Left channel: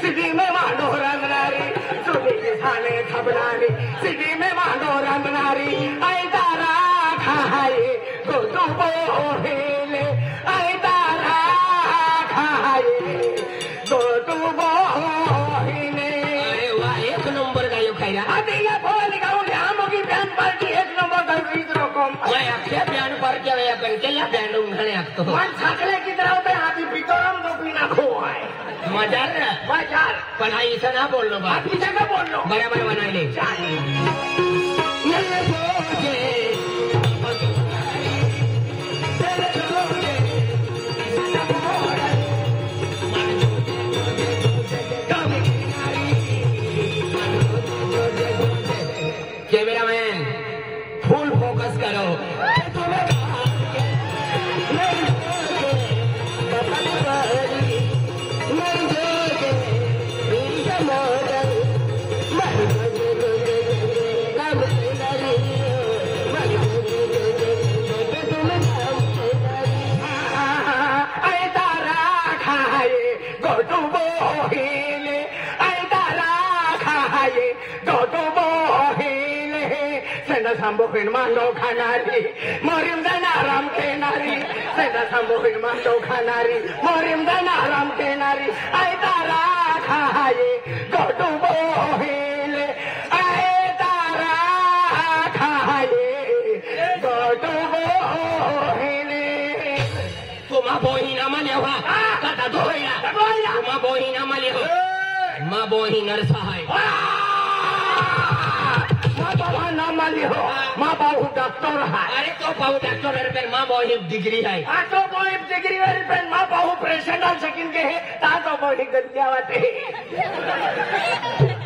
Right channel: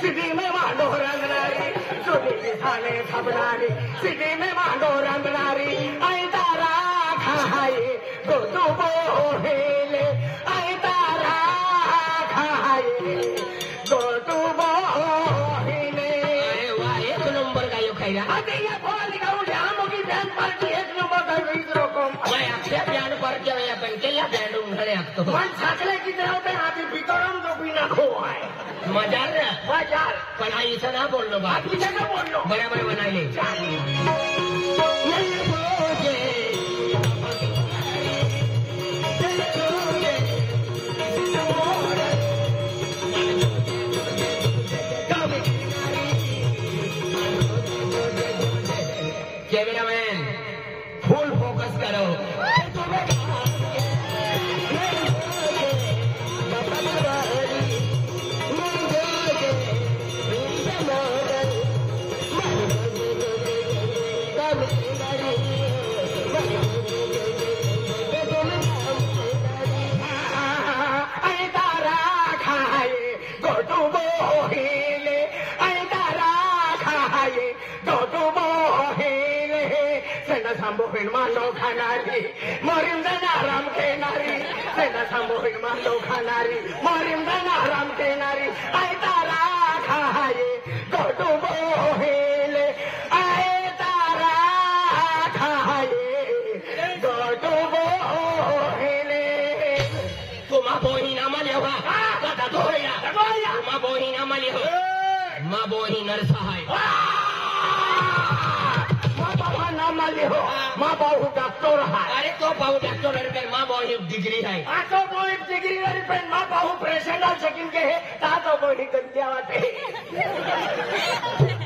City में मांडो रंगनारी सुनी थाने खबरानी सिटी में मांडो रंगनारी आई तारा खाए तो बोले आई तारा खाए तो बोले। अरे वाह एक नंबर का ये खाया अभी ये बोल निकालो ध्यान की बैंड पार्टी एक नंबर कर रही रकम मैं अच्छे बैंड पर क्या या कंकेला बैंड उठाने आपको मन छाकले की तरह पे अभी बितरम बबीना खो है मजा है मजा पढ़ाई से ना बोल लो बात पीछे का बोल लो बराबर बना ले कैमरामैन फुल फोकस करो Mando Khanari, Morimdana Ram Kenari, Sena Sambo Mando Khanari, Morimdana Ram Kenari, Aitara Khaye, Goto Bohele, Aitara Khaye, Goto Bohele. Kuma Bohina Malyawa, Kata Doya, Kuma Bohina Malyawa, Ma Bohina Sahai. माँ बाबू doctor है अरे तो बाबू doctor है माँ बाबू degree है तो बाबू degree है माँ बाबू प्रेसिडेंट सेकंड के है तो बाबू गंजा आते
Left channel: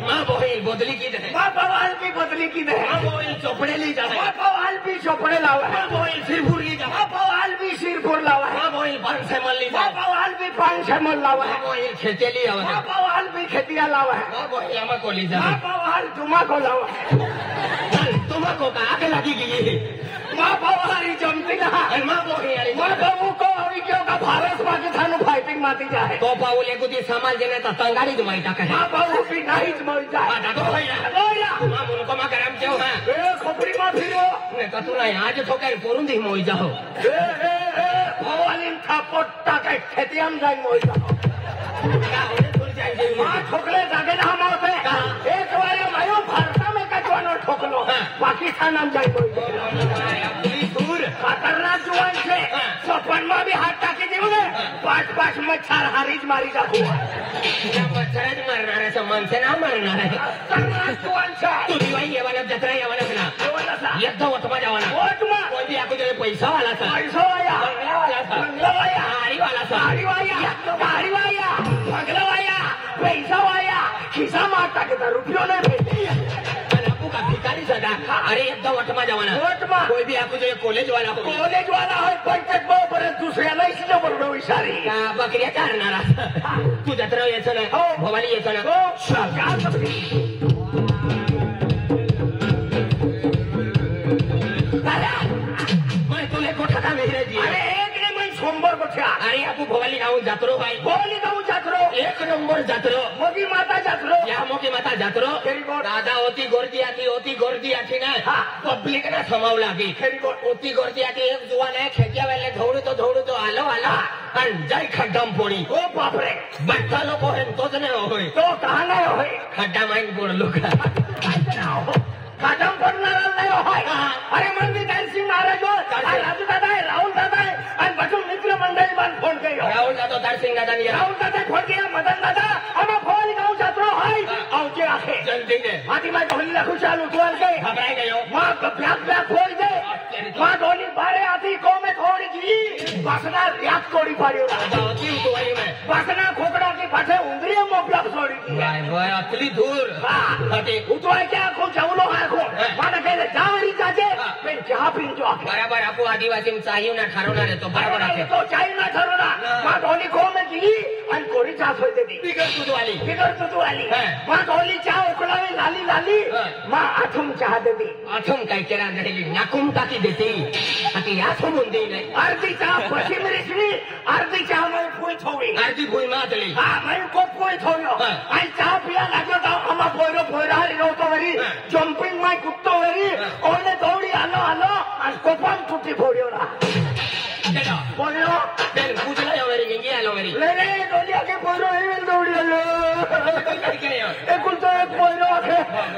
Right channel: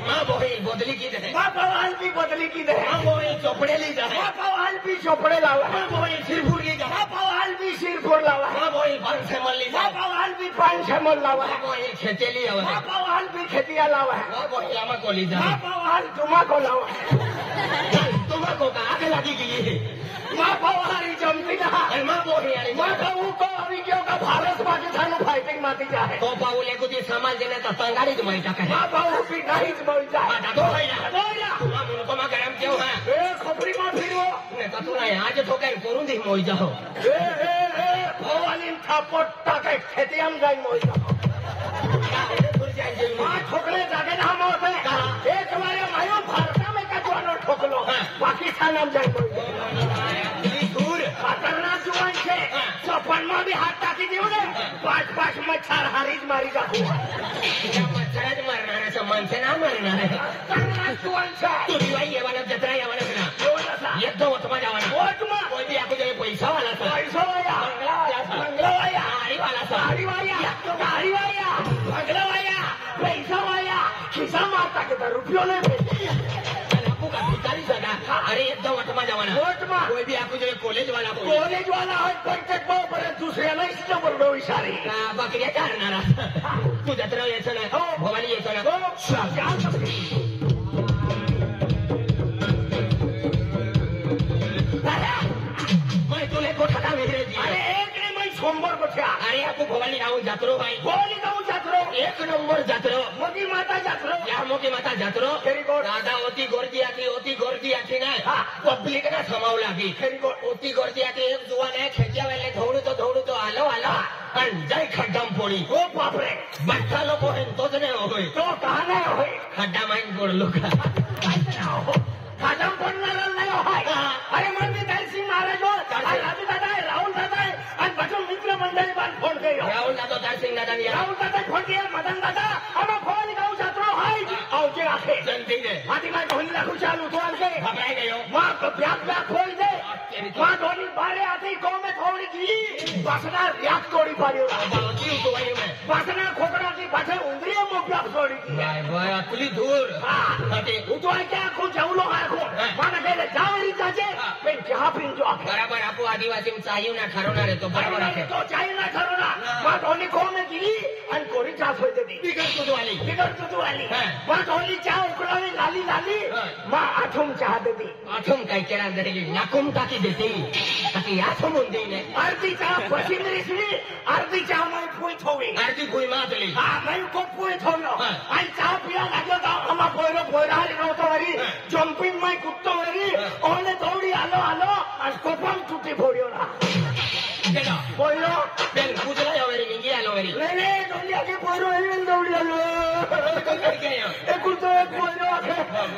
माँ बाबू बदली की है माँ बाबू भी बदली की है माँ बाबू चोपड़े ली जाए माँ बाबू भी चोपड़े लावा माँ बाबू सिरपुर की माँ बाबू भी सिरपुर लावा माँ बाबू पान से मल ली माँ बाबू भी पान से मल लावा माँ बाबू खेती ली लावा माँ बाबू भी खेतिया लावा माँ बाबू लामा को ली जाए माँ बाबू तुम्हा को लावा को आगे लगी गई माँ बाबू जमती ना माँ बाबू को अभी क्यों का भारत पाकिस्तान फाइटिंग माती जाए तो बाबू ले कुछ सामान देने तो तंगारी तुम्हारी तक है माँ बाबू भी नहीं मोइता तो भाई ना माँ उनको माँ गरम क्यों है खोपड़ी में फिरो नहीं तो तुम आज तो कहीं पोरुं दी मोइ जाओ वो वाली थापोटा के खेतियां जाए मोइ जाओ माँ ठोकले जाके ना हम होते एक वाले भाई भारत में कचवाना ठोक लो पाकिस्तान हम जाएंगे खतरनाक जुआन से सोपन में भी हाथ ताकि देंगे 5-5 में 4 हारीज मारी का हुआ बच्चा मारना है सब मन से ना मारना है खतरनाक जुआन से तू भी वही ये वाला जतरा ये वाला बिना ये तो वतमा जवाना कोई भी आपको जो पैसा वाला था पैसा वाला बंगला वाला हारी वाला ये तो हारी वाला बंगला वाला पैसा वाला खिसा मारता के रुपयों ने भेजे अरे एकदम वटमा जवाना कोई भी आपको जो कॉलेज वाला हो कोई तक दुसऱ्याला इच्छा बोललो इशारी बकरिया करणार तू जत्रा यायचं ना भवानी यायचं ना मैं तुले कोठा का मेहराजी अरे एक नंबर सोमवार कोठा अरे आपको भवानी आओ जात्रो भाई भवानी जाऊ जात्रो एक नंबर जात्रो मोदी माता जात्रो या मोदी माता जात्रो दादा होती गर्दी आखी ना पब्लिक ने समाव लागी होती गर्दी आखी एक जुवान है खेतिया वाले धोड़ू तो आलो आणि जय खड्डाम पोळी हो बापरे बैठा लोक होय तोच नाही होय तो कहा नाही होय खड्डा माईन पडलो का खड्डाम पडणार नाही होय अरे मंदी दालसी महाराज राजू दादा आहे राहुल दादा आहे आणि बचून मित्र मंडळी पण फोन केला राहुल दादा दालसिंग दादा फोन केला मदन दादा आम्हा फोन आधी मैं ढोली रखू चालू खोल के घबराई गयो मां ब्याक ब्याक खोल दे मां ढोली बारे आधी को में थोड़ी की बसना ब्याक तोड़ी पड़ियो बावती तो आई मैं बसना खोकड़ा की फटे उंगली में ब्याक तोड़ी की यार वो अपनी दूर हटे उतवाय क्या को जवलो है को माने कहले जावरी जाजे फिर जहां पिन जो बराबर आपको आदिवासी में चाहिए ना ठरवना रे तो बराबर आके तो चाहिए ना ठरवना मां ढोली खोल में दी आणि कोरी चा सोय दे दी बिगड़ तुझ वाली मां ढोली चा उकड़ा में लाली लाली मां आठुम चाह दे दी आठुम काय केला घडली नाकुम टाकी देते आता याथून होते नाही अर्धी चा पश्चिम रिसली अर्धी चा में फुल थोड़ी आरती भुई मातली हां मैं को फुल थोड़ो आणि चा पिया लागो ता हमने बोलो बोरा रोतो तरी जंपिंग में कुत्तो तरी ओने दौड़ी आलो आलो आणि कोपन टुटी फोड़ियो ना केला बोलो बेल गुजरा यावरी इंगी आलोवरी रे डोली आगे बोरो हे दौड़ी आलो तो काय केला ए कुत्तो में बोलो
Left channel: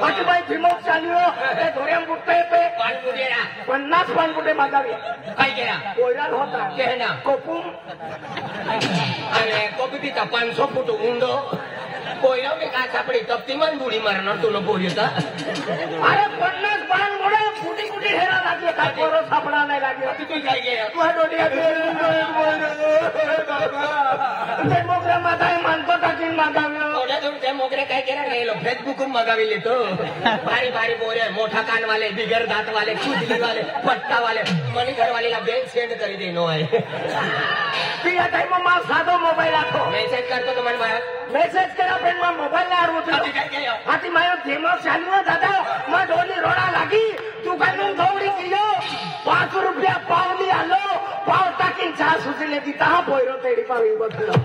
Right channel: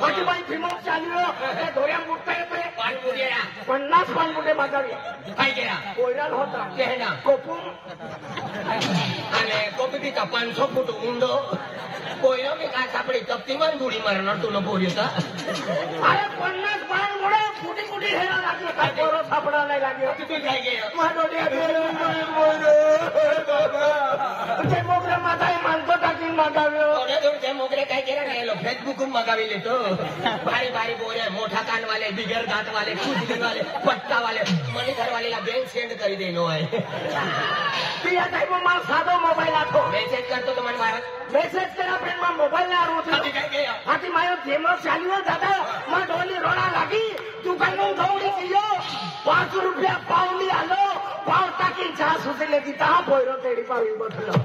बाकी मैं फिमोक चालियो ए धोरण गुट्टे पे पान मुजेरा 50 पान गुट्टे मागावी काय केला बोराल होता केना कोपुम अरे कोपी भी 500 फूट ऊंडो कोया में काय सापडी तप्तीमान बुडी मारणार तुला बोलता अरे 50 पान मोडा फुटी फुटी हेरा लागलो काय कोरो सापडा नाही लागलो तू काय गेला तू डोली बाबा ते मोगरा मागाने मानतो टाकी मागाव्यो थोड्या दूर मोगरे काय केला राहिलो फेसबुक मागावी लेतो भारी भारी बोरे मोठा कान वाले बिगर दात वाले चुटली वाले पट्टा वाले मनी घर वाले बेल सेंड करी देनो आहे पिया टाइम में सादा मोबाइल आखो मेसेज करतो तो मन भाई मेसेज करा पेन में मोबाइल ना आरो आती काय केला आती मारो जेमा चालू है दादा मैं डोली रोड़ा लगी तू काय में दौड़ी कियो 500 रुपया पावली आलो पाव टाकी जा सुचले दी ता बोयरो तेडी पावी बसलो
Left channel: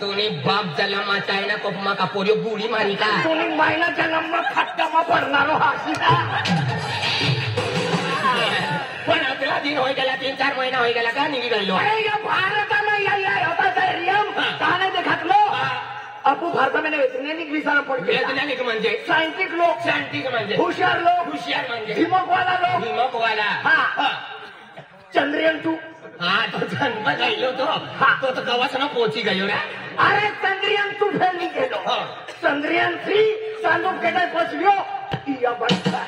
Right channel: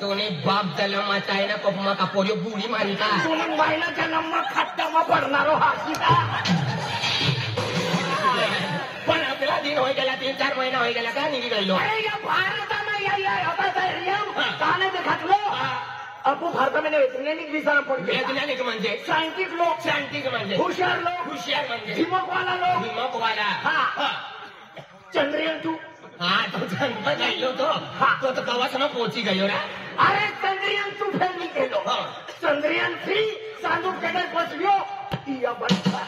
तोनी बाप जलमा चायना कोपमा का पोरी बुडी मानी का तुम्ही महिन्याचा नंबर खट्टामा करणारो हासीदा पण आपला दिन होय गेला 3-4 महिना होय गेला का निघी गेलो अरे या भारतामध्ये या होता रियम ताने देखत लो अपू भारतामध्ये वैज्ञानिक विचार पडले वैज्ञानिक म्हणजे सायंटिस्ट म्हणजे हुशार म्हणजे हिमकवाला लोक हिमकवाला हा चंद्रयान तू हा तो जन्म गेलो तो तो कवासना पोहोची गयो रे अरे चंद्रयान तू फेल नाही गेलो चंद्रयान 3 चांदू केडाय पोचलो या बंदा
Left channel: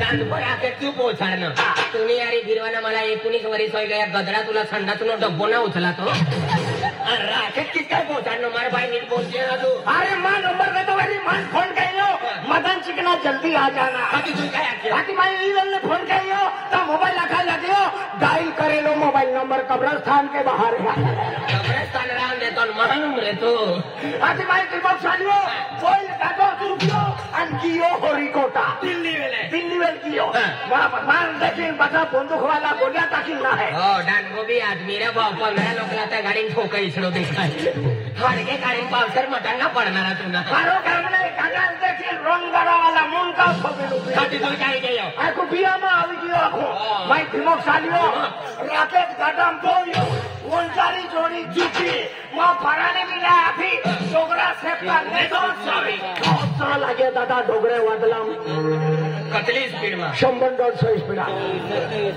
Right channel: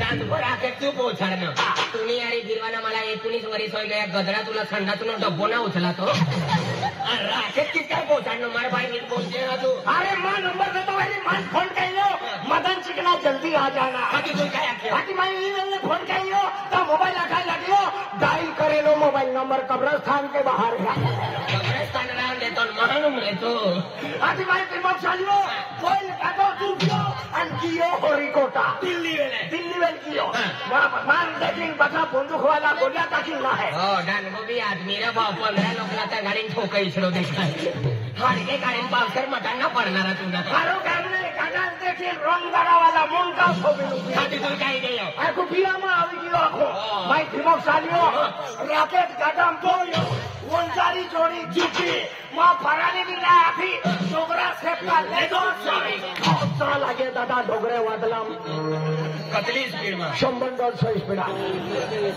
चांदपर आके तू पोहोचायनं तुम्ही यारी गिरवाना मला 19 वर्ष होय गया गदरा तुला संडातून डब्बो ना उचला तो राकेट किस काय पोहोचायनं मार भाई नीट पोहोचले ना तू अरे मां नंबर देतो मेरी मन फोन कइलो मदन चिकना जल्दी आ जाना हाकी तू काय आखे हाकी भाई ईमेल में फोन कइलो तो मोबाइल रखा लगियो डायल करेलो मोबाइल नंबर कब्रिस्तान के बाहर है कब्रिस्तान राम ले तो मालूम ले तो हाकी भाई की बात चालियो कोई काटो तू क्यों अंकियो हरिकोटा दिल्ली वेल कियो मान दक्षिण पछा बंदूक वाला बोला ताकि ना है हो डानगो भी आदमी रे भाऊ 15 लोकला गाडी ठोकई इसरो देखाय हडके गाडी पावसर मटांगा पडणारा तुला मारो कामने कागज देखिए रंग बड़ा वाला मिल का ठोकलो हाकी तू काय गेलो आ को पिया में आवी गयो आखो भाई फिरो सालियो राकेट काटम बोलियो वंजारी जोड़ी जीती मां फरानी भी ना आफी डोगरा से पाले दो सावी चला लगे दादा डोगरे वादला कतली स्पीड में 100-150 स्पीड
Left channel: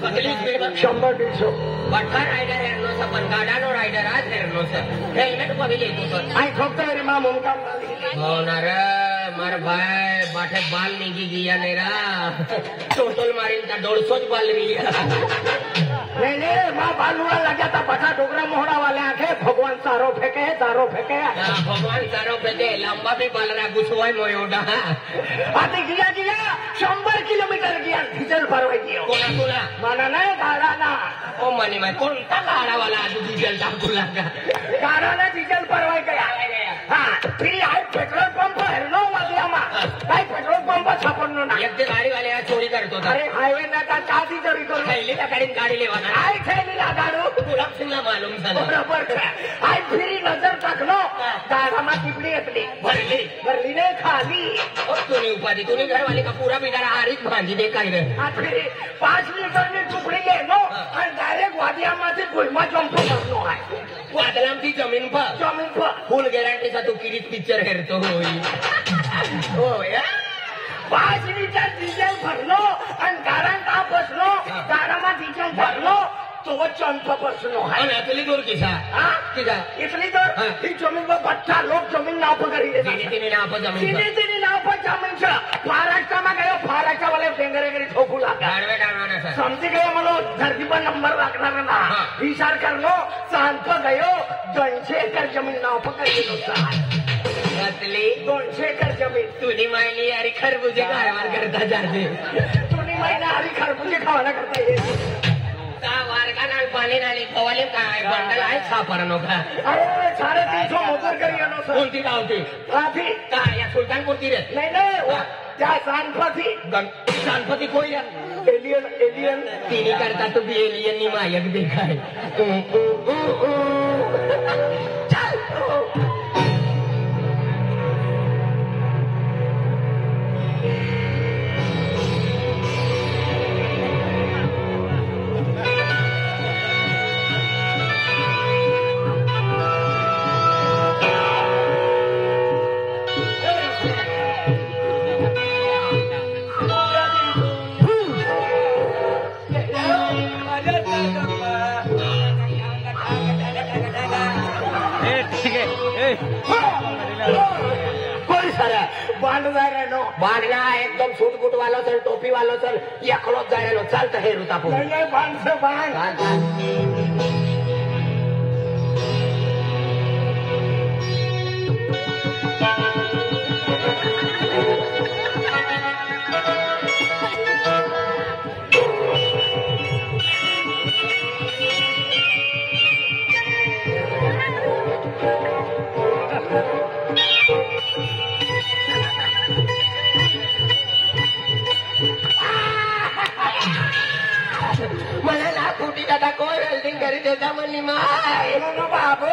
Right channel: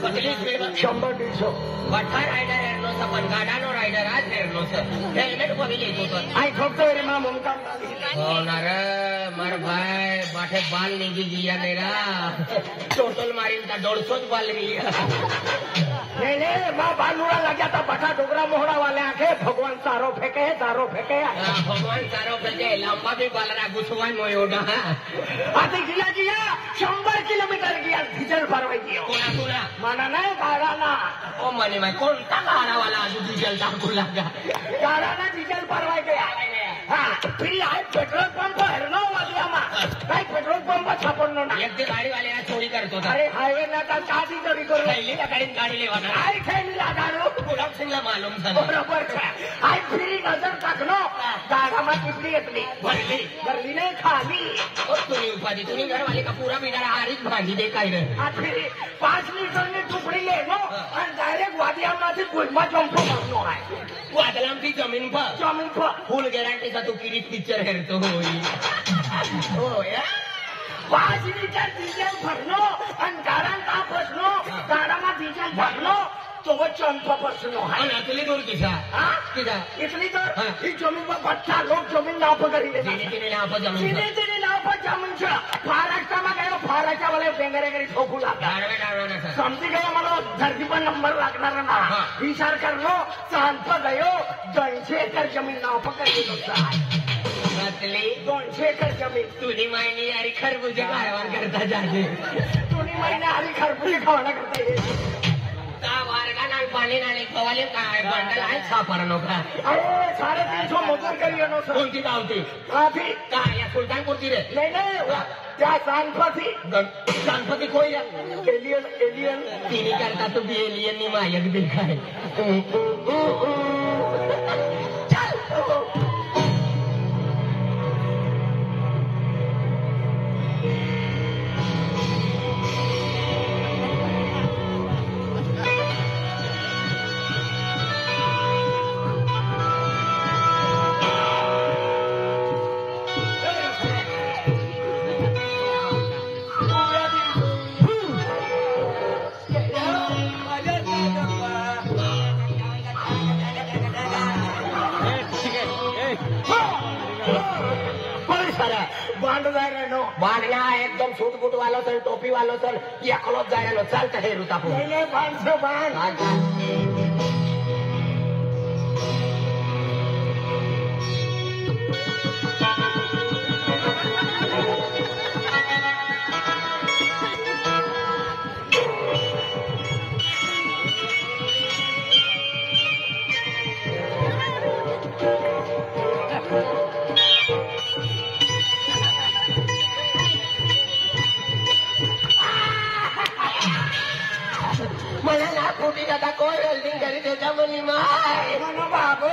कतली स्पीड में 100-150 बठा राइडर हेरनो सा पण गाडानो राइडर आज हेरनो से हेल्मेट को भी लीधो तो आई ठोकते रे मां मुंका हो ना रे मार भाई बाटे बाल निगी गया मेरा टोटल मारिन का 150 बाल निगी गया नहीं मां बालूरा लगा था बठा डोगरा मोहरा वाले आखे भगवान सारो फेंके भगवान सारो फेंके लंबा भी बाल रहा गुसवाई मोयोगा अरे गया 100 किलोमीटर गया डीजल भरवाई गया कोला माना नाही भाडाना ओ माने मैं कोणता गाडा वाला डीजल टाकू लागा भाडाना डीजल भरवाई गया हाँ फिर हाय पेट्रोल पंप है नो वादला हाय पेट्रोल पंप छापनो ना एक दिन गाडी वाले चोरी करतो अरे हायवे ना का चादी चोरी करो थैली गाडी गाडी लेवाना हाय थैली लगाडो गुलाब सिंगला मालूम झालं बरोबर हाय फिरी नजर टाकलो दारामा टिपली घेतली भरली ने खाली तुम्ही उपाधी तुम्ही घरवाले का पूरा बिगाड़ा हारीच भाजी दे काय रे फिर 5 मीटर ની ટુકડી લેવો અને ડાયરેક્ટ વાડિયામાંથી ભૂલમાં જમ્પ કરવાનો હોય वादलांची जमीन पर फुल गॅरंटीचा तू किरीट पिक्चर हेरतो होय 5 लीटर डिझेल भरलो आणि दारात का बसलो दाराમાં डिझेल भरलो तो वो चंपापासून आहे आणि तुला दूर किसा किसा इतनी तो ही जमीन पर भट्टा लोग जमीन नाव पर करी तिने नाव पर जमीन तिने नाव पर जमीन छ महाराष्ट्राમાં गयो फाराच्या वाले पेंगरे गरी ठोकू लागला गाडवे टाळवाना सर समजी गयो मला धरती पर नंबर लागणार ना विचार करलो शांत गयो 200 एकर जमीन नाव पर करी घातली 200 एकर जमीन तुझी मायली अरे खरबुजे कारभार करता जाते तुम्ही महिना हरी खरबुजी खावाना करता येते का वारगा नाल पाणी नाली खवाले काय बंडल आहे छापर नोकरा अरे 350 मोटर करी येनो सर कोणती गावती काफी काय या सुलतानपूरची रे नाही नाही त्या सांगपती गणपती कोई एलियन तिने करता तो भी एलियन नी मायक देखाय बांधना एकदम सूट बूट वालो चल टोपी वालो चल या खलोत जायलो चलता हे रुता पो नाही बांध बाबो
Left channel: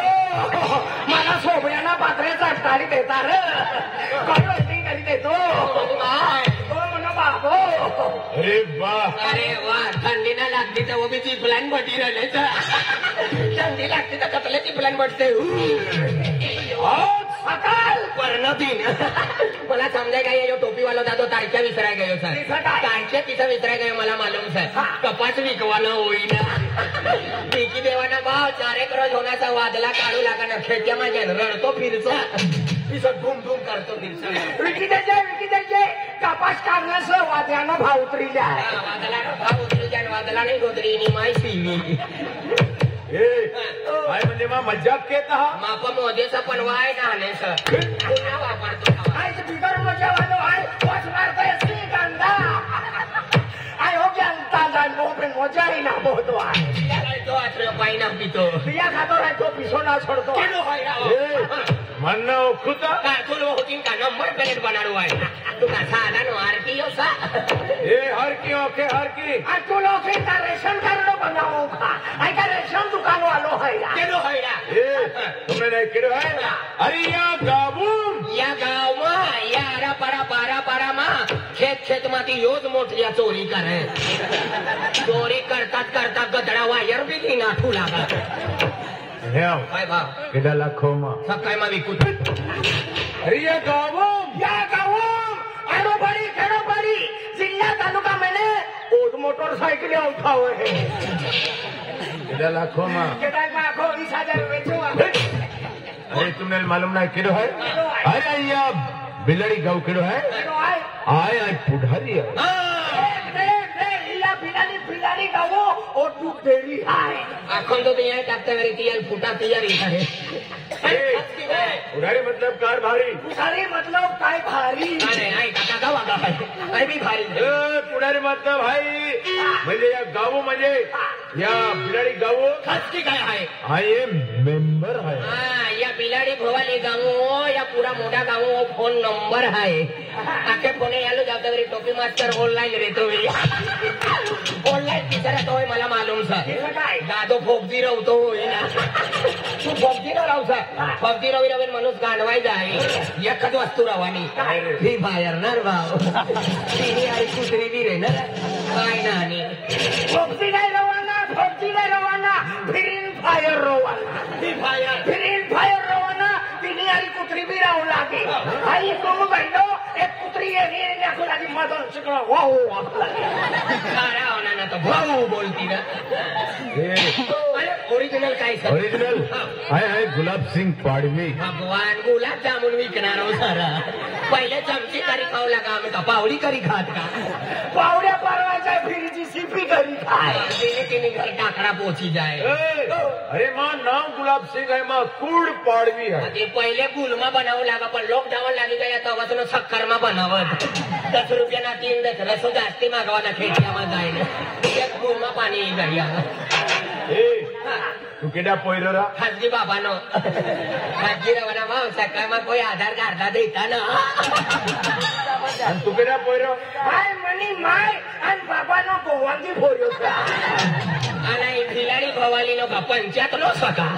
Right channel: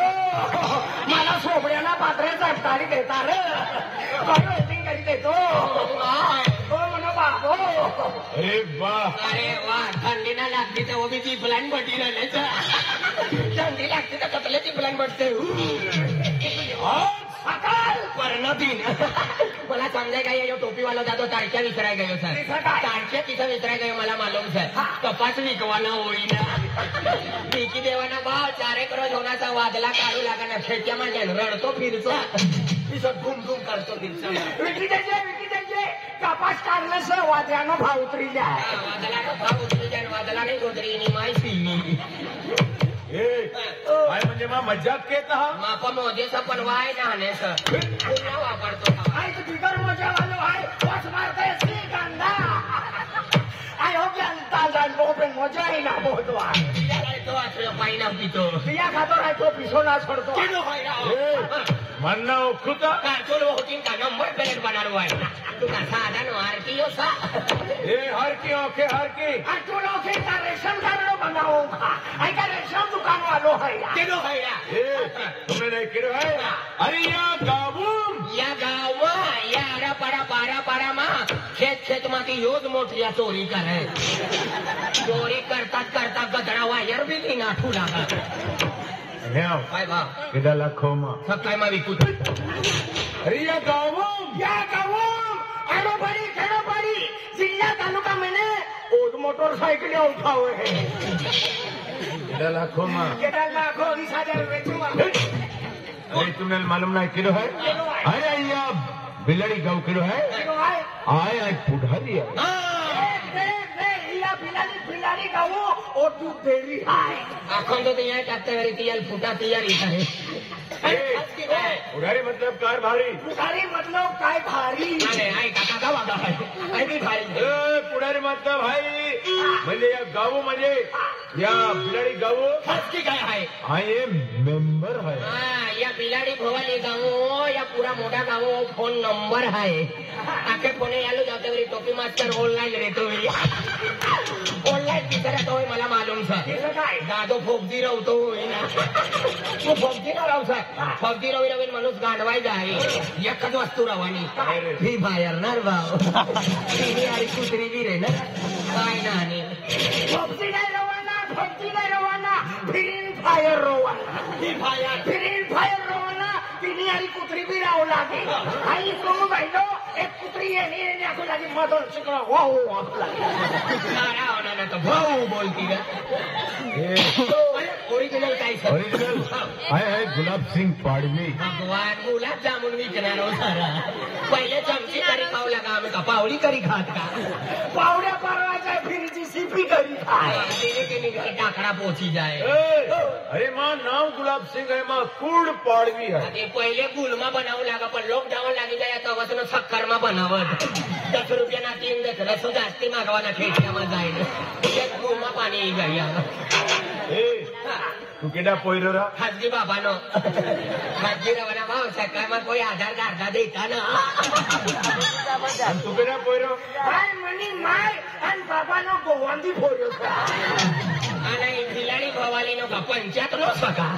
मला सोबऱ्याला पात्रे चटकारी देता रे वेल्डिंग करी देतो म्हणा बाबो अरे वा थंडी ना लागती तर बी ती प्लॅन बटी राहिले थंडी लागते तर कपल्याची प्लॅन बटते मला समजा काय जो टोपी वाला जातो तारख्या विसराय गयो सर तारख्या पिसा विसराय गयो मला मालूम सर कपाच विकवानं होईना विकी देवाना भाव 4 एकर सोन्याचा वादला काढू लागणार खेट्या माझ्या रडतो फिरचा पिसं धूम धूम करतो फिरचा विकी द्यायचे कपास काढला सर वाद्यानं भाव उतरील्या वादला भाव उतरी वादला नाही गोदरी माय सिंगी काय म्हणजे मग मजाक केत माप मोजेचा पण वाय ना आले सर पुन्हा वापरतो बिगर मजा वालो आहे वाच मारताय श्रीगंधा आय हो जनता जाणतो पण मजाही ना बोलतो तो आश्रय पाहिना पितो बिया खातो आहे तो पिसो ना सोडतो म्हणणं ओखुत कार्टून होतीन का नंबर प्लेट बनाडू आहे तुला साधा नो आरती असा हर की ओके हर की तू लोग का रेशन कार्ड बनाओ आई का रेशन दुकान वालो है केनो हैया तुम्ही नाही केलं आहे अरे या गावमा या पारा मा खेत माती योज मोठ्या चोरी करे चोरी करतात गधडा वायर बी ती नाठू लागा काय बाप किती लाखो मा सकाळ मा विकू अरे या गावम खेड़ोपाड़ी जिला तालुका मैंने ओज मोटरसाइकिल उठाओ है किती लाखो मा 20,000 बेचो अरे तुम्हें मालूम नहीं किलो है अरे अय्या बिलड़ी गाँव किलो है आय पुढारी है बिलारी गाँव और दूध डेरी है आखन तो तिया काटते वाली तिया फुटा तैयारी है पुढारी मतलब कार भारी पुढारी मतलब काय भारी अरे आई काका का वागा है आई भी भाई पुढारी मतलब भाई म्हणजे या गाव म्हणजे या बिलाडी गाव खासकी काय आहे आय एम मेंबर है या बिलाडी भवाली गाँव या पूरा मोटा गाँव फोन नंबर है आखे फोने यालो जाते वरी टोपी मास्टर ऑनलाइन रहतो ऑनलाइन बिचारा तो मला मालूम सर दादो फोगदी रवतो ना तू फोगदी राहू सर फोगदी रवी माणूस गाडवाय जाय एकच वस्तू रवानी ही बाहेर ना भाव तिने आई कुत्री बी रे ना काय ना आणि फोगदी नाही रवाना फिरीन फायर रवाना तिने आई कुत्री बी राहू लागे आई तुम्ही बहिणो एक कुत्री येणे असं माझी मदत शिकलो हो ना तर भाऊ बोलती ना ओरिजिनल काय सर ओरिजिनल आहे गुलाब सिंग पाडवी. भगवान गुलाब जामुन विकणार हो सर. पहिले चमची करी खाऊ लागा आम्ही का पावडी करी खात का पावड्या परवाच्या फिरची सिपी करी खाय तिने घर टाकड़ा पोची जाए. अरे माँ नाम गुलाब सिंग है माँ कुड पाडवी है. ते पहिले गुलमा बनावं लागा पण लॉकडाऊन लागी गया तेव्हापासून सक्करमा बनावत 10 रुपयाना 3 दसरा जास्ती मागवाना खेड्यामध्ये जाईल त्यात गुलमा पाणी जाईल. तू केडा पोयरो रा खाजगी बाबानो खाजगी रवाना भाऊ सकाळમાં કોઈ આધાર કાર્ડ દેતા ના. आणि तू केडा पोयरो हाय मनी माय आणि बाबानो गोवांदी फोड्यो का आणि खिलाडी भवानीनो का पंचायतलो स्वतः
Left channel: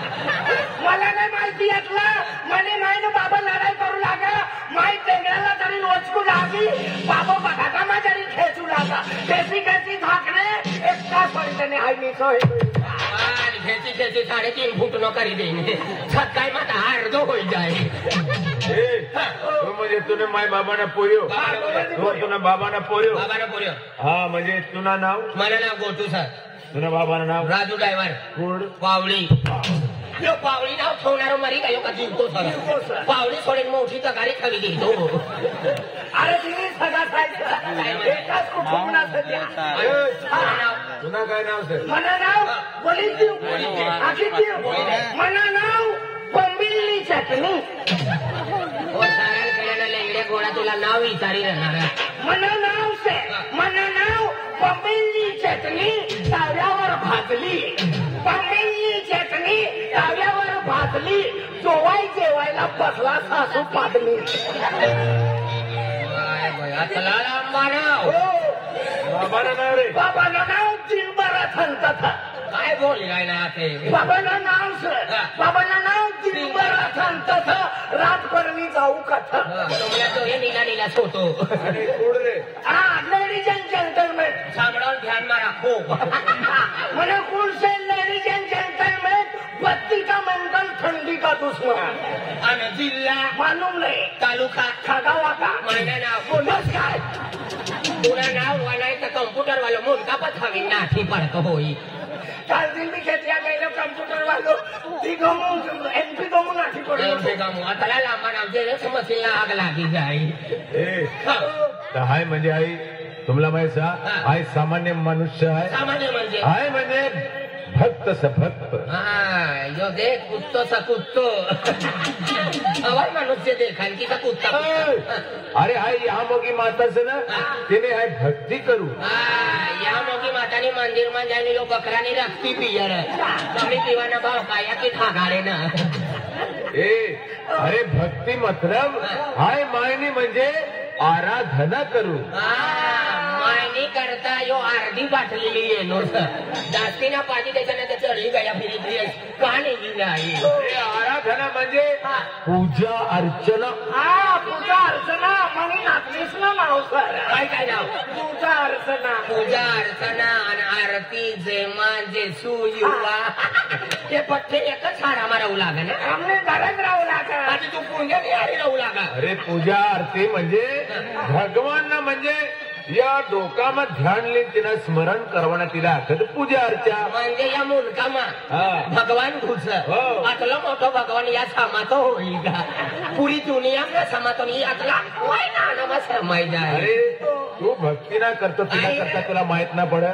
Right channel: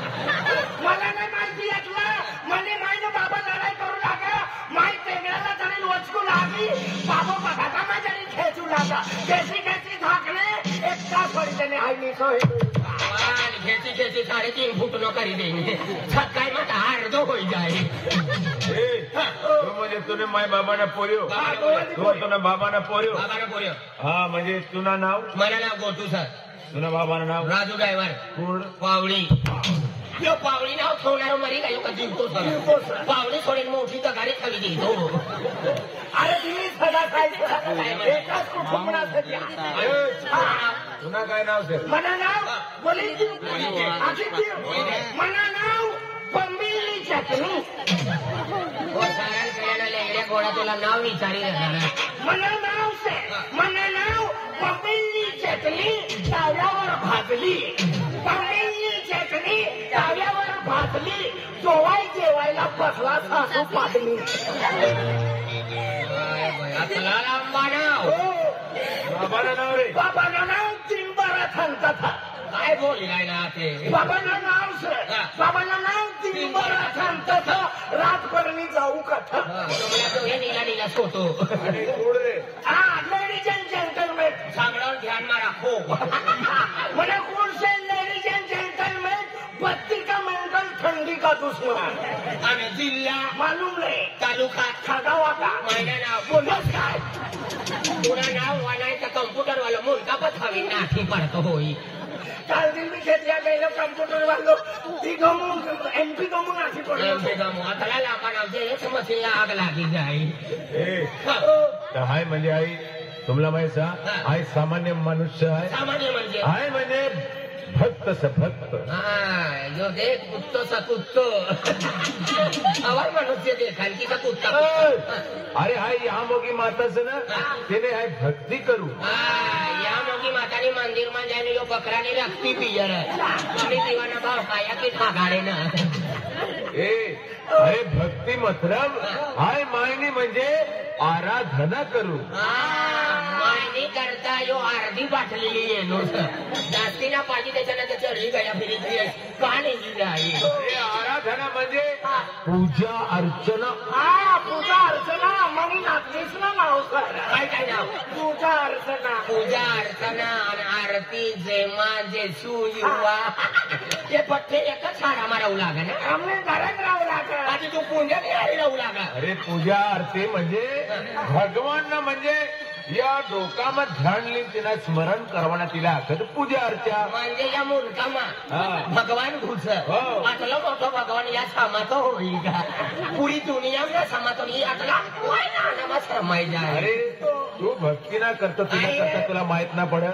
मला नाही माहिती यातलं. मनी मायनो बाबा लढाई करू लागा माय तेंगळाला तरी वचकू लागी बाबा बघामा तरी खेचू लागा कैसी कैसी धाकणे एक तास पडते हाय मी सोय खेची 3.5 फूट नो करी देंगे सकाळी मग अर्ध होई जाए. म्हणजे तुने माय बाबाना पोयो तुना बाबाना पोयो बाबाना पोयो. हा म्हणजे तुना नाव मला नाव गोटू सर. तुना बाबाना नाव राजू ड्रायव्हर कुड पावडी. पावडी नाव ठेवणार मरी काय का जिंकतो सर. पावडी सोडेल मोठी तर गाडी खाली घेतो. अरे तुम्ही सगळा साहेब एकाच कुटुंबासाठी तुना काय नाव सर मला नाव बोलीची मला नाव बंबिलनी चटणी. सारण केल्यानं लेंगड्या गोळा तुला नाव विचारी राहणार. मला नाव बंबिलनी चटणी ताव्यावर भाजली. बंबिलनी चटणी ताव्यावर भाजली. जोवाई जेवायला बसला सासू पाडली. असला लांबा नाव बाबाना नाव रे बाबाला नाव दिलबरा थंतात. काय बोल काय ना ते बाबाला नाव दिलबरा थंतात. रातभरणी जाऊ कथा तुला तो हे नीला सोतो आणि कुड रे हा लेडीज अँड जेंटलमेन सांगणार ध्यान मा राखो. मैंने पुल से लेडीज एंड जेंटलमैन बत्ती का मेंटल ठंडी का दुश्मन आणि जिल्हा मालूम नहीं तालुका खगावा का माझं नाव बोलत काय तुला नाव वालायचं कम्प्युटर वाला मुलगा पण हवी नाठी पडतो होई. काल दिन मी खेतिया गए कंप्यूटर वालों एमपी गमू नाठी पड़ी. आता लांबा नाव जे समजला आग लागी जाईल. हाय म्हणजे आई तुम्हाला माहिती आहे सामान्य मनुष्य आहे. सामान्य म्हणजे हाय म्हणजे भक्त स भक्त. जो देख कुत्तो सा कुत्तो हवाई मनुष्य देखाल की का कुत्ता. अरे हाय या मोगी माता से ना तेने हाय भक्ती करू. या मोगी मातानी मंदिर में जाने यो बकरानी रखती पियर मम्मी पीवाना भाव पाया की थागाडे ना. अरे भक्ती मतलब हाय मायनी म्हणजे आराधना करू. मायनी करता यो अर्धी बाटलेली येलो सर जास्तीना पाहिजे त्याच्यानंतर चढी गया फिरी का नाही जाई. आराधना म्हणजे पूजा अर्चना. हा पूजा अर्चना म्हणून आत्मीच ना नाव सर. काय नाव पूजा अर्चना आणि आरती जेमा जेसू युवा ते पठ्ठे एकच झाडा मारावं लागेल. हमने घरात राहू लागा आणि तू पुण्यात यायला राहू लागा. अरे पूजा आरती म्हणजे भगवान म्हणजे या डोकाમાં ध्यान લઈને તેના સ્મરણ કરવાના तिला આખત પૂજા अर्चा म्हणजे या मुलकामा भगवान घुस आतलं मोठं भगवान या सामातो होईल का. पुरी दुनिया का सामातो यातला समाय जाय. अरे तू भक्ती ना करतो तुला करता तुला माहित ना पड.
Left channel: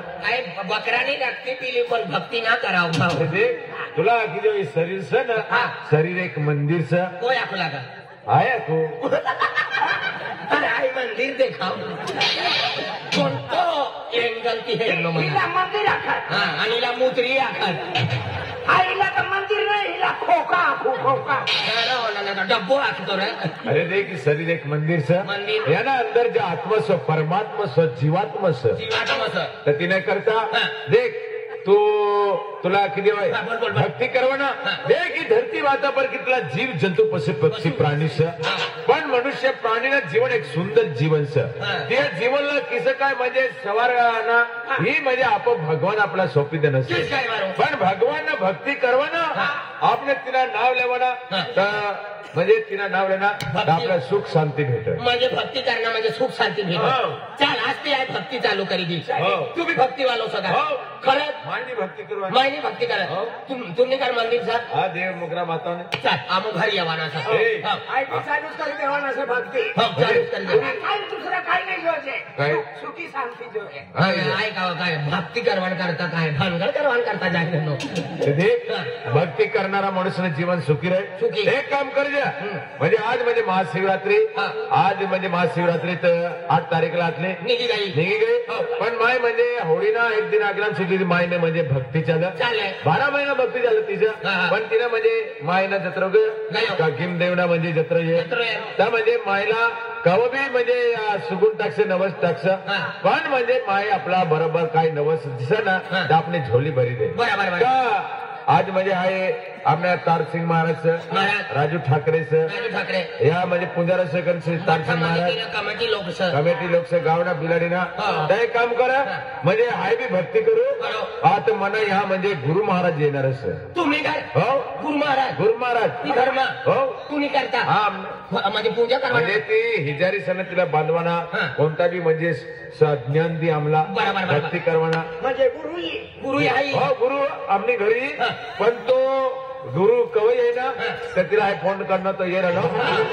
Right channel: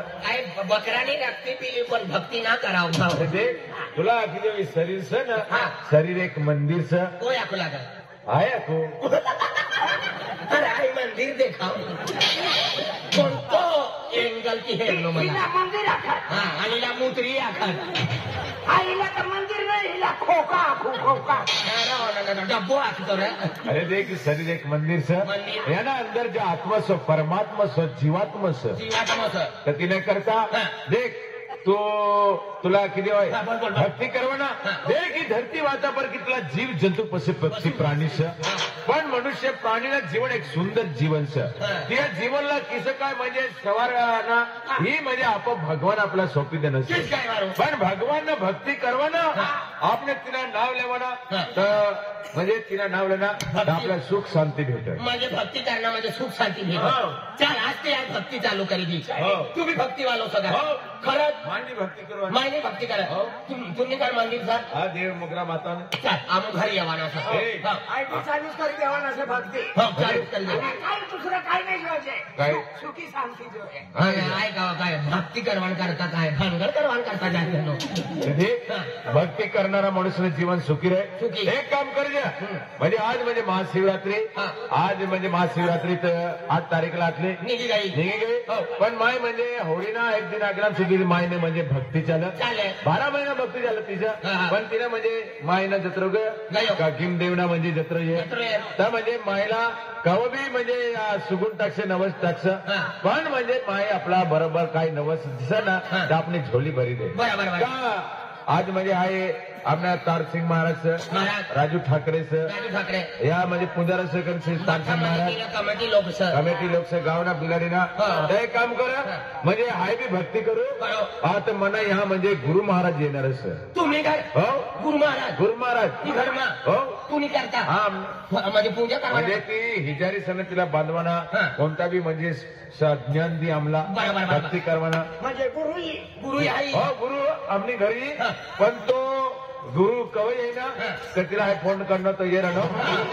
बकरानी रक्ती पिली पण भक्ती ना करावं. अरे देख तुला आखी जो शरीर से ना शरीर एक मंदिर से तो याकू लागा आया को आई मंदिर देखाव कोणतो एंगल की हेलो हिला मंदिर आखत आणि हिला मुत्री आखत. हिला तर मंदिर नाही हिला खोका डब्बो आखतो रे. अरे देख शरीर एक मंदिर से मंदिर. या ना अंदर जो आत्मा स्व परमात्मा स्व जीवात्मा स्व जीवात्मा सर तर तिने करता देख तो तुला किती भक्ती करवाना देख ही धरती वाता पर कितला जीव जंतु पशु पक्षी प्राणी से पण मनुष्य प्राणीला जीवन एक सुंदर जीवन सर त्या जीवनला किस काय म्हणजे सवार गावाना ही म्हणजे आपण भगवान आपला सोपी देणं पण भगवान भक्ती करवाना आपण तिला नाव लेवना तर म्हणजे तिला नाव लेना तर आपल्याला सुख शांती भेटत म्हणजे भक्ती करणं म्हणजे सुख शांती भेटत चाल आज ते आज भक्ती चालू करी दी तू बी भक्ती वालो सदा खरंच मायनी भक्ती करू मायने भक्ती करत तुम्ही काय मंदिर सर हा देव मुगरा माता चाल आम्ही घरी येवाना सर चालूच करी देवा ना भक्ती चालूच कर दे काय दुसरं काय नाही जोजे काय सुखी शांती जो आहे ऐका काय भक्ती करवण करता काय भानगड करवण करता जाते भक्ती करणारा मनुष्य जीवन सुखी सुखी. राहील एक काम कर द्या म्हणजे आज म्हणजे महाशिवरात्री आज म्हणजे महाशिवरात्रीत 8 तारीखला असले निघी गई गई पण माय म्हणजे होळीना एक दिन अगला सुखी मायने म्हणजे भक्ती चालेल. 12 महिना भक्ती झालं तिचं पण तिला म्हणजे मायना जत्र का किमदेवना म्हणजे जत्र तर म्हणजे मायला कव बी म्हणजे सुगुण टाकसे नवस टाकस पण म्हणजे माय आपला बरोबर काय नवस दिस ना तर आपली झोली भरी दे बरोबर का आज म्हणजे आहे आपल्या तारसिंग महाराज राजू ठाकरे ठाकरे या म्हणजे पुंजारा सेकंड तारसिंग महाराज कमिटी लोक सर कमिटी लोक गावना बिलाडीना ते काम करा म्हणजे हाय बी भक्ती करू आता मना ह्या म्हणजे गुरु महाराज येणार सर तुम्ही काय हो गुरु महाराज ती धर्म हो तुम्ही करता हा म्हणजे पूजा करा म्हणजे ती हिजारी सण तिला बांधवाना कोणता बी म्हणजे ज्ञान दी आमला बरोबर. भक्ती करवाना म्हणजे गुरु आई हो गुरु आपली घरी पण तो गुरु कवई आहे ना तर तिला हे फोन करणं तो ये राहणं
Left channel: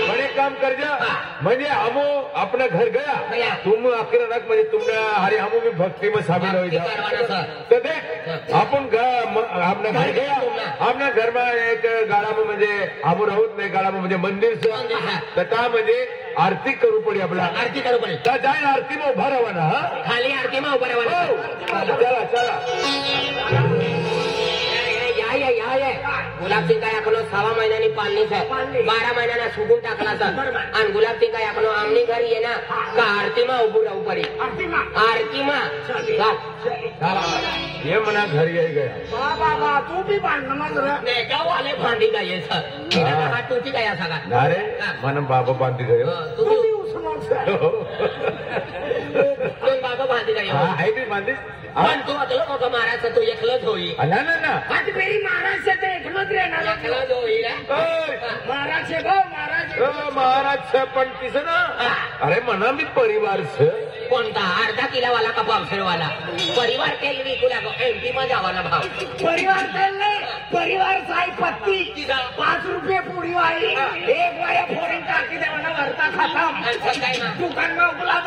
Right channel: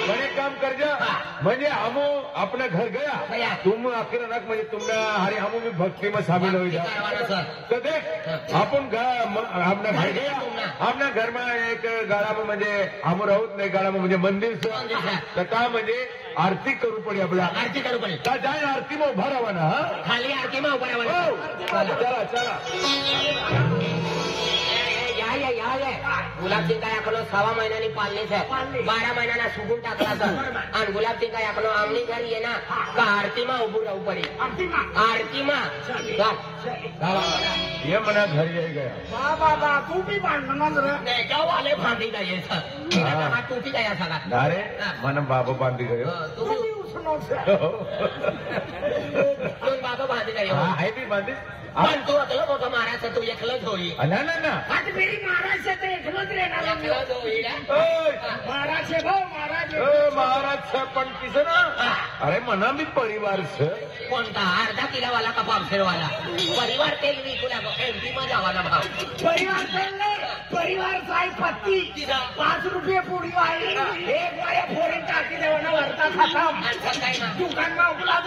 पण एक काम कर जा म्हणजे हमो अपना घर गया तुम अकेला नक म्हणजे तुमने हरी हमो भी भक्ति में शामिल हो जा तो देख आपण आपल्या घर गया आपल्या घर में एक गाळा में म्हणजे हमो राहूत नाही गाळा में म्हणजे मंदिर तर त्या म्हणजे आरती करू पडी आपल्याला आरती करू पडे तर जाय आरती में उभा राहा ना खाली आरती मग उभं राहावं चला चला गुलाब सिंग काय आखलो 6 महिन्यांनी पाळलीच आहे 12 महिन्याला सुटून टाकला तर आणि गुलाब सिंग काय आखलो आमनी घरी ये ना का आरतीमा उभं राहू पडे आरतीमा ये मना घरी आहे गया बाबा तू बी बांधणार नाही गाव आले भांडी काय आहे सर टोटी काय आहे सगळा अरे मन बाबा बांधी गयो तुम्ही बाबा भांडी काय आहे बी बांधी पण तू आता महाराज तू एकलंच होई ना ना ना आज मेरी महाराज से तो एकलोच रहणार एकलंच होईल महाराज से भाऊ महाराज महाराज पण तिचं ना अरे म्हणा मी परिवार कोणता अर्धा किलोवाला का पावशेरवाला परिवार तेल विकू लागो एमपी मध्ये जावाना भाव परिवार चालले परिवार साई पत्ती 5 रुपये पुडी वाली एक वाया फोरेन टाकी देवाना वरता खाता काय ना दुकान में उपलब्ध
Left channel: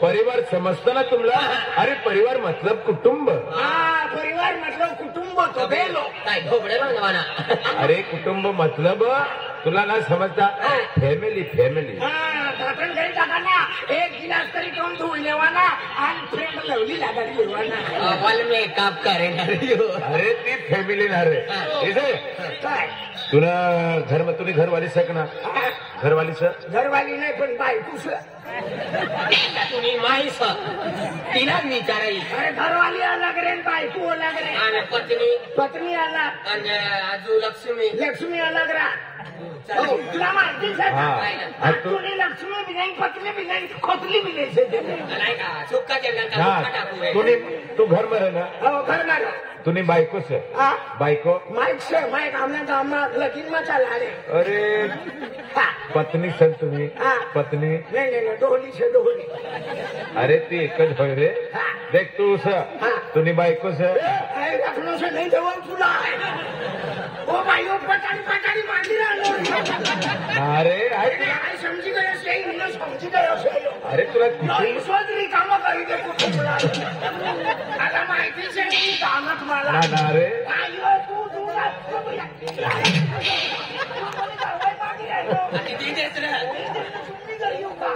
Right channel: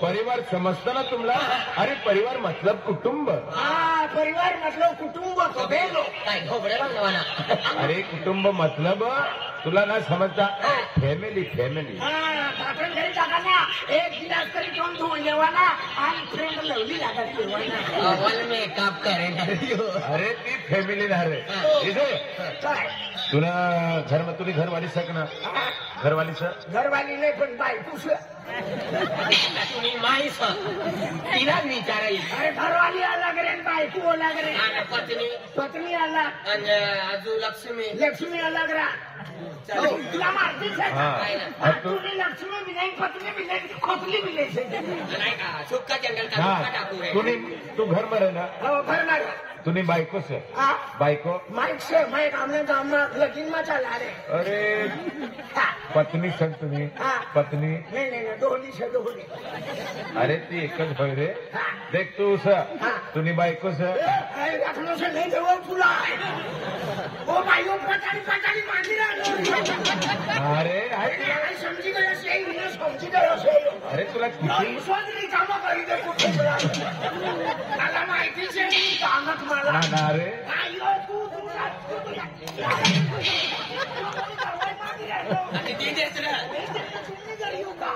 परिवार समजतं ना तुम्हाला अरे परिवार मतलब कुटुंब हाँ परिवार मतलब कुटुंब कबेलो काय ढोबळे बनवाना अरे कुटुंब मतलब तुला ना समजता फॅमिली हाँ दातन घरी जाताना एक गिलास तरी दोन धुवून लेवाना आणि फ्रेंड लवली लागायची लेवाना अव्वल मेकअप करेन अरे ती फॅमिली ना रे इथे काय तुला तुम्ही घरवाली सक ना घरवाली सर घरवाली नाही पण बायकोस तुम्ही माहीस तिला विचाराई अरे घरवाली अलग रे बायको अलग रे आणि पत्नी अलग आणि आजू लक्ष्मी अलग रा तुला माहिती तुझी लक्ष्मी बी नाही पत्नी बी नाही खोतली बी नाही नाही का सुक्का जंगल का सुक्का टाकू तू घर में रहना हो घरणार तूने बायको से बायको माइक से माइक हमने तो हम लकीन में चला रे अरे पत्नी सर तुम्ही पत्नी नहीं डोली से डोली अरे ती एकच होय रे देख तू सर तुनी बायको सर अरे रखनो से नहीं देवो तुला वो भाई वो पटाड़ी मांडी रहा अरे आई समझी गया से ही ना समझी गया से अरे तुला किती सोचली काम करी दे कुठे आता माहिती से नाही कामत मला ना रे आयो तू तुला आणि ती देत ना तुम्ही घरी येऊ का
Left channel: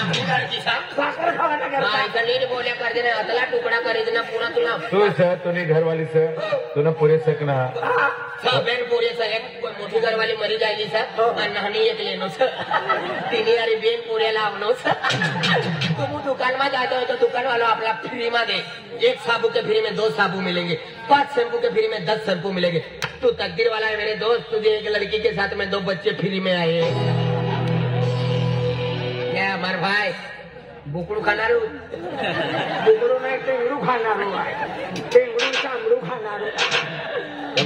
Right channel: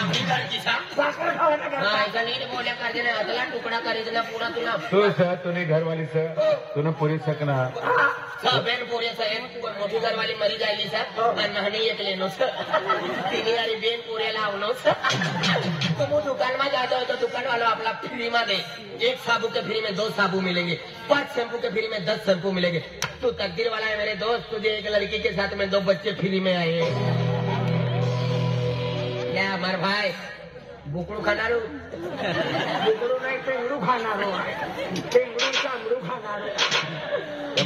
आम्ही घरची सा सासरे खाला ना ऐका नीट बोल्या पाहिजे ना अदला तुकडा करायचा ना पुन्हा तुला तू सर तुने घरवाली सर तुला पुरे सकना બેન પોરે સાહેબ મોટી ઘરવાળી મરી ગયેલી છે અને નાની એક લેનો છે તેની યારી બેન પોરે લાવનો છે તો હું દુકાનમાં जाता हूँ तो दुकान वालों अपना फ्री में दे 1 साबु के फ्री में 2 साबु मिलेंगे 5 शैम्पू के फ्री में 10 शैम्पू मिलेंगे तो तकदीर वाला है मेरे दोस्त तुझे एक लड़की के साथ में 2 बच्चे फ्री में आए क्या हमारे भाई बुकड़ू खाना बुकड़ू नाही टेंगडू खाणार टेंगडू चांगडू खाणार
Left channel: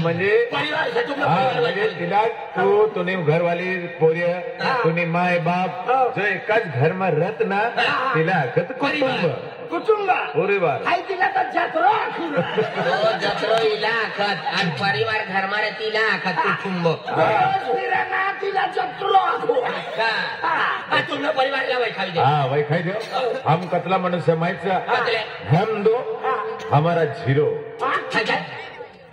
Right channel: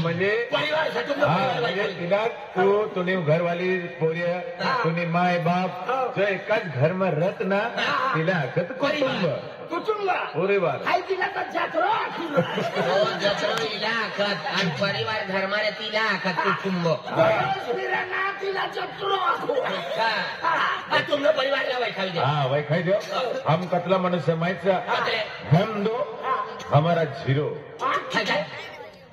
म्हणजे परिवार से तुम म्हणजे तिला तुने घरवाली पोर्य तुने माय बाप जो एकाच घरमा रत ना तिला आखत कुटुंब कुटुंब अरे बार आई तिला तर जत्रो जत्रो इला आखत आणि परिवार घरमा रे तिला आखत कुटुंब ना तिला जत्रो तुमने परिवार ला वैखाल दे हाँ वैखाई दो हम कतला मनुष्य माहित हम 2 हमारा 0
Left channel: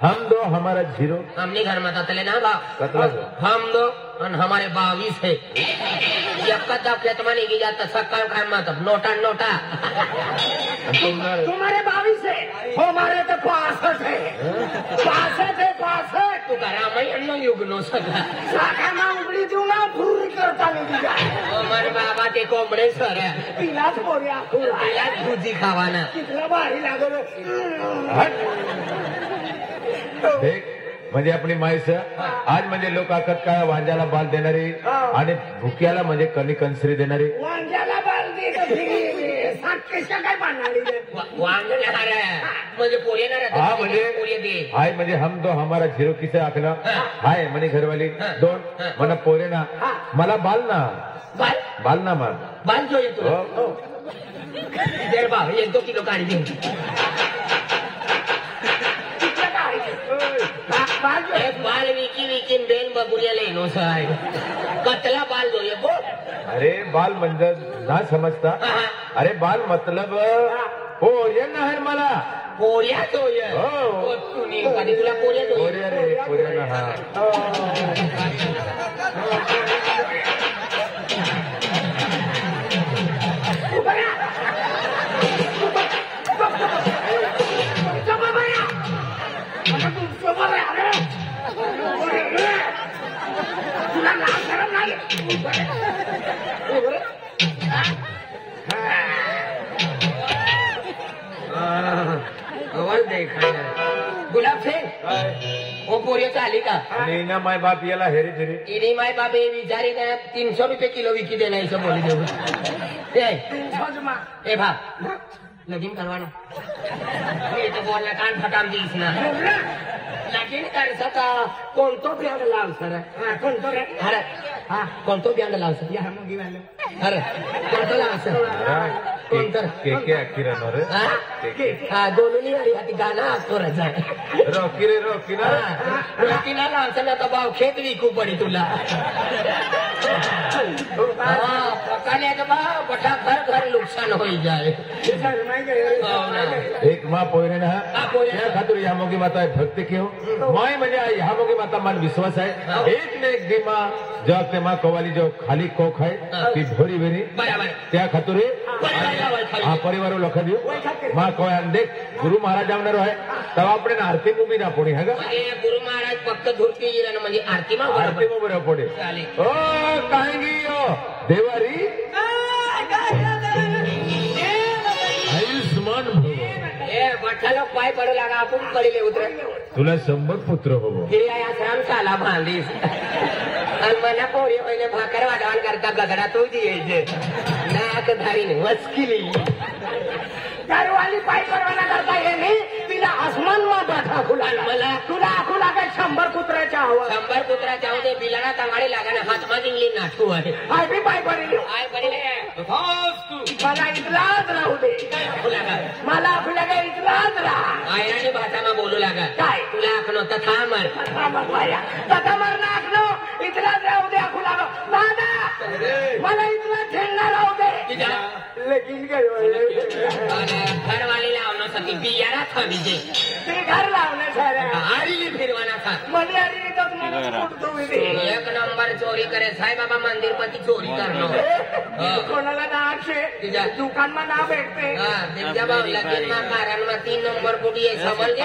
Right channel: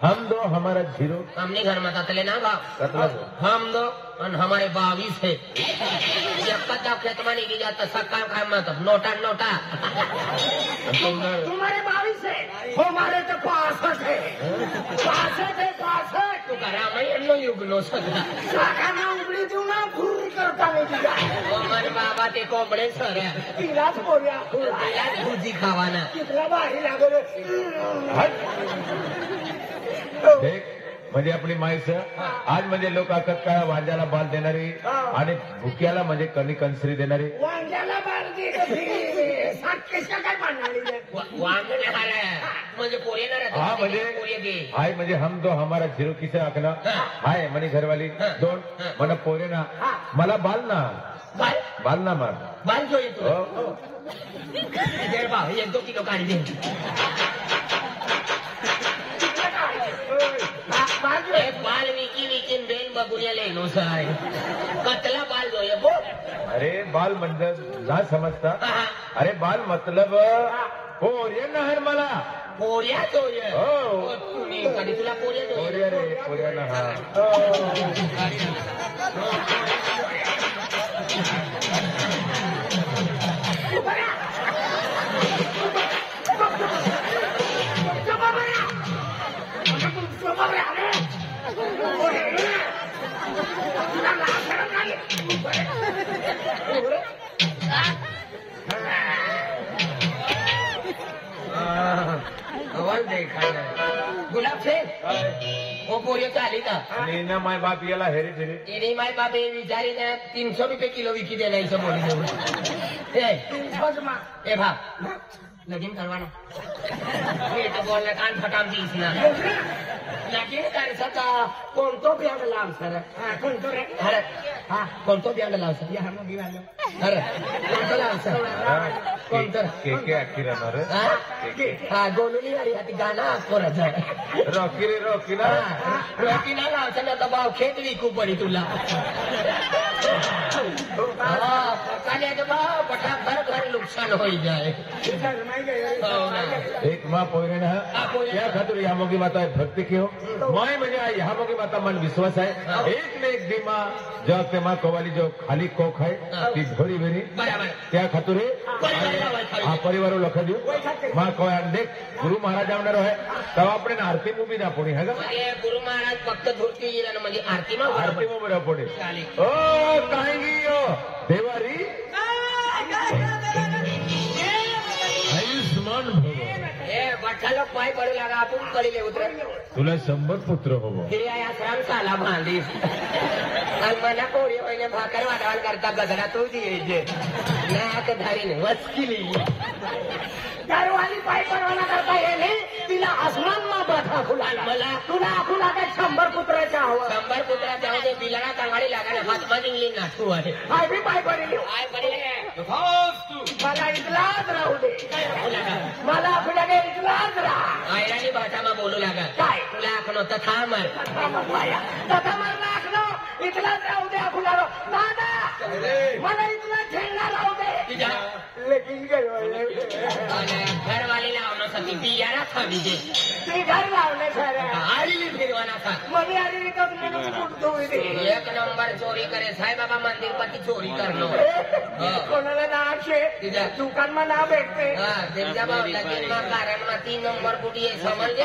हम 2 हमारा 0 हमने घर में तले ना बाप कतला हम 2 और हमारे 22 है जब तक खेत में नहीं जाता सकाल खान में तब नोटा नोटा तुम्हारे 22 है हमारे तो 65 है 65 तो करा मैं अन्नो युग नो सका साखा में उगड़ी दूँ ना फूल करता नहीं हमारे बाबा के कोबड़े सर है तिलाच पोर्या दूधी खावाना तिथला भारी लागल देख म्हणजे आपली माईस आज म्हणजे लोक आखत काय वांजाला बाल देणारी आणि भुक्याला म्हणजे कणी कंसरी देणारी वांग्याला बांधली कशा काय बांधली वांग म्हणजे पोरी ना हा म्हणजे हाय म्हणजे हम 2 हमारा 0 किसे आखना हाय म्हणे घरवाली 2 मला पोरे ना मला बाल ना मान बाल जो येतो दे बा 1-2 किलो काढी देऊ बाल विकी बेन बबुरिया लेनो साहेब कतला बाल जो ये बोल अरे बाल म्हणजे ना समजता अरे बाल मतलब पोर्य ना हर मला पोर्या तो ये हो तुम्ही कधी तुला पोर्या तो पोर्या रे पोर्या ना गुलाब से वो पोरी चाली का नीना माय बाप याला हेरी फेरी इनी माय बाप ये विचारी 300 रुपये किलो विकी देना है सब बोली दो ए भाग लगीन करवाना ये तो बोलना कान फटाम दी इसना लगीन कर सका कोणतो ब्यांड लाव सर कोणतो रे अरे कोणतो ब्यांड लाव सर या नोगी वाले अरे कोणतो लाव सर कोणतो के अखिरा नरे हां दोन्ही वाली हाती गाना पोरत आहे रॉकी रे रॉकी ना रॉकीला लाव सर ना दबाव खेत विकू पडी तुला हां पकाले तो बा बटा घर नुकसान होई जाए एक माँ पोरे ना या खातिर या मोगी माता भक्ति क्यों माय म्हणजे ह्या मोगी माता मन विश्वास आहे एक न एक दिमा जो ते माँ कवाली जो खाली कोख आहे ती भोरी बेरी बराबर त्या खातिर हा परिवार लोक देऊ माँ कोण देख गुरु महाराज आवणार आहे तेव्हा आपण आरती उभी ना पुढे हा म्हणजे गुरु महाराज फक्त धुरती येणं म्हणजे आरती मग आरती उभी पुढे ओ काय गियो देवारी आयुष्मान भव बठालो पाय पडू लागा आपण पडले उतर तुला 100 पुत्र हो या सांग साला भांडीस आणि मला पोरी पहिले भाकर वाटावण करता गगडा तू द्यायचे नाक धारीने वचकिली दारवाली पाय परवाना करता येणे तिला आसमान माता फुलाला मला तुला काय 100 पुत्राच्या हवं 100 पुत्राच्या हवं बिलाना चांगले लागाने हातमा जिंगली नाटू आहे पाय पडले मला इकलाच राहू दे मला तुला काही इकलाच राहा आयराणी भाषाમાં बोलू लागा काय तुला आखनो तथा मर तथा मरणं आखनो इकलाच राहू दे फुलाला दादा मला इकला खेळणार राहू दे लेकिन काय घरवाली लावणं सती बियाणा खबीजे ते घर लावण्यासाठी आली फिरवाना खात मध्ये आली तर म्हणून एक नंबर चोरी करे साईबाबा मंदिर पती चोरी करणं कोणाला नाचे दुकानमा नाव भेटते त्यांच्या बाबला कारण 3 नंबर कुठे समजते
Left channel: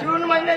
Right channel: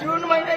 जून महिने